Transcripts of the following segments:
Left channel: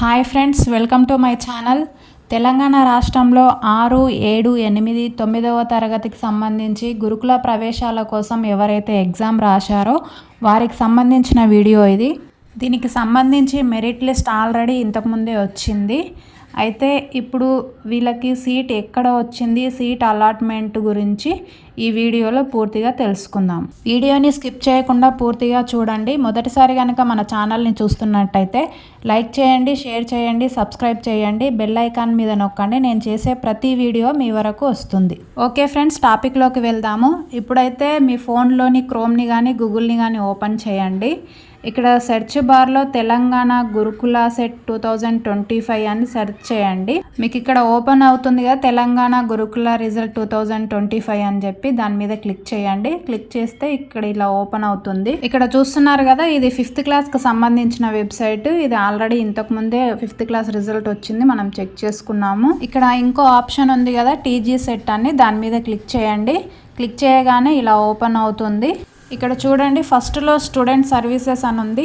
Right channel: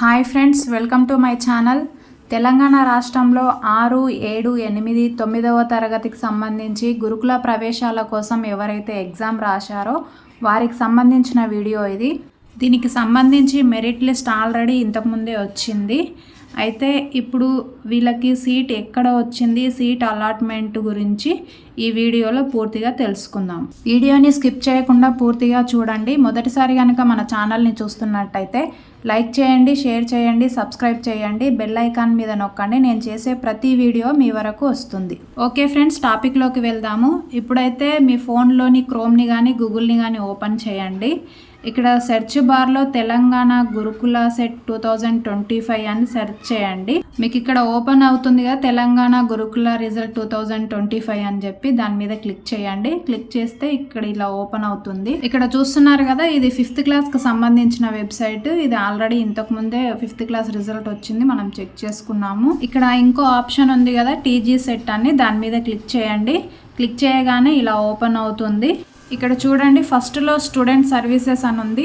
Hi friends, welcome to my channel. Telangana రాష్ట్రంలో 6, 7, 8, 9వ తరగతికి సంబంధించి గురుకుల ప్రవేశాల కోసం ఎవరైతే ఎగ్జామ్ రాశారో వారికి సంబంధించిన వీడియో ఇది. దీనికి సంబంధించి మెరిట్ లిస్ట్ ఆల్రెడీ ఇంతకుముందే వచ్చింది. అయితే ఇప్పుడు వీళ్ళకి సీట్ ఎక్కడ వచ్చింది, సీట్ అలాట్మెంట్ గురించి ఈ వీడియోలో పూర్తిగా తెలుసుకుందాం. వీడియోని స్కిప్ చేయకుండా పూర్తిగా చూడండి. మొదటిసారి కనుక మన ఛానల్ని చూస్తున్నట్టయితే లైక్ చేయండి, షేర్ చేయండి, సబ్స్క్రైబ్ చేయండి, బెల్ ఐకాన్ మీద నొక్కండి. నేను చేసే ప్రతి వీడియో మీ వరకు వస్తుంది. ఓకే ఫ్రెండ్స్, టాపిక్లోకి వెళ్దాము. ఇప్పుడైతే మీ ఫోన్లోని క్రోమ్ని కానీ గూగుల్ని కానీ ఓపెన్ చేయండి. ఇక్కడ సెర్చ్ బార్లో తెలంగాణ గురుకుల సెట్ 2025 అని సెర్చ్ చేయండి. మీకు ఇక్కడ ఓపెన్ అవుతుంది కదా, తెలంగాణ గురుకుల రిజల్ట్ 2025 అని చెప్పి దాని మీద క్లిక్ చేయండి. క్లిక్ చేస్తే ఇక్కడ ఇలా ఓపెన్ అవుతుంది. ఇక్కడ చూస్తున్నారు కదా, ఇది 5th క్లాస్కి సంబంధించిన వెబ్సైట్. ఇది ఆల్రెడీ ఇంతకుముందే 5th క్లాస్ రిజల్ట్ వచ్చింది, మనం చెక్ చేసుకున్నాము. ఇక్కడ ఇంకో ఆప్షన్ ఉంది కదా, టీజీ సెట్ అని, దాని మీద క్లిక్ చేయండి. క్లిక్ చేయగానే ఇలా ఓపెన్ అవుతుంది. ఇక్కడ చూడండి, ఫస్ట్లో స్టూడెంట్ సర్వీసెస్ అని ఉంది.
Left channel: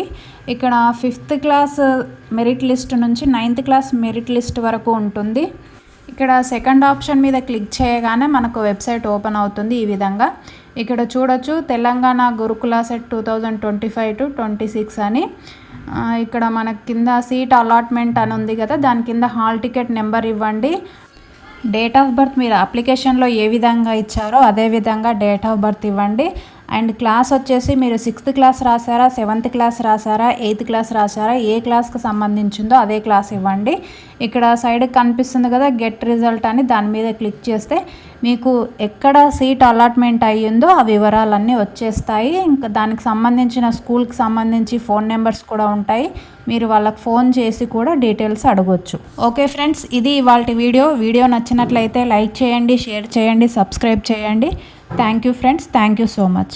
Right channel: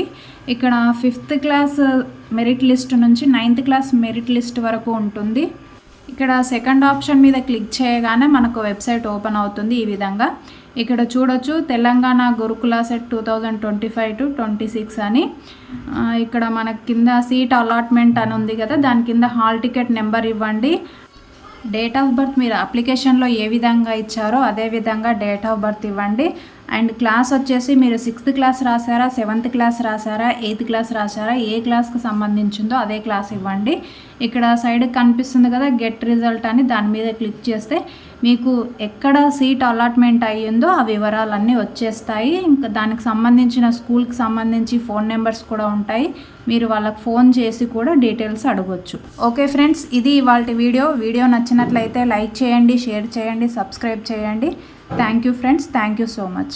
ఇక్కడ 5th క్లాస్ మెరిట్ లిస్ట్ నుంచి 9th క్లాస్ మెరిట్ లిస్ట్ వరకు ఉంటుంది. ఇక్కడ సెకండ్ ఆప్షన్ మీద క్లిక్ చేయగానే మనకు వెబ్సైట్ ఓపెన్ అవుతుంది ఈ విధంగా. ఇక్కడ చూడొచ్చు, తెలంగాణ గురుకుల సెట్ 2025 to 26 అని. ఇక్కడ మనకి కింద సీట్ అలాట్మెంట్ అని ఉంది కదా, దాని కింద హాల్ టికెట్ నెంబర్ ఇవ్వండి. డేట్ ఆఫ్ బర్త్ మీరు అప్లికేషన్లో ఏ విధంగా ఇచ్చారో అదే విధంగా డేట్ ఆఫ్ బర్త్ ఇవ్వండి. అండ్ క్లాస్ వచ్చేసి మీరు 6th క్లాస్ రాసారా, 7th క్లాస్ రాసారా, 8th క్లాస్ రాసారా, ఏ క్లాస్కి సంబంధించిందో అదే క్లాస్ ఇవ్వండి. ఇక్కడ సైడ్కి కనిపిస్తుంది కదా గెట్ రిజల్ట్ అని, దాని మీద క్లిక్ చేస్తే మీకు ఎక్కడ సీట్ అలాట్మెంట్ అయ్యిందో ఆ వివరాలన్నీ వచ్చేస్తాయి. ఇంకా దానికి సంబంధించిన స్కూల్కి సంబంధించి ఫోన్ నెంబర్స్ కూడా ఉంటాయి. మీరు వాళ్ళకి ఫోన్ చేసి కూడా డీటెయిల్స్ అడగొచ్చు. ఓకే ఫ్రెండ్స్, ఇది ఇవాల్టి వీడియో నచ్చినట్లయితే లైక్ చేయండి, షేర్ చేయండి, సబ్స్క్రైబ్ చేయండి. Thank you friends, thank you so much.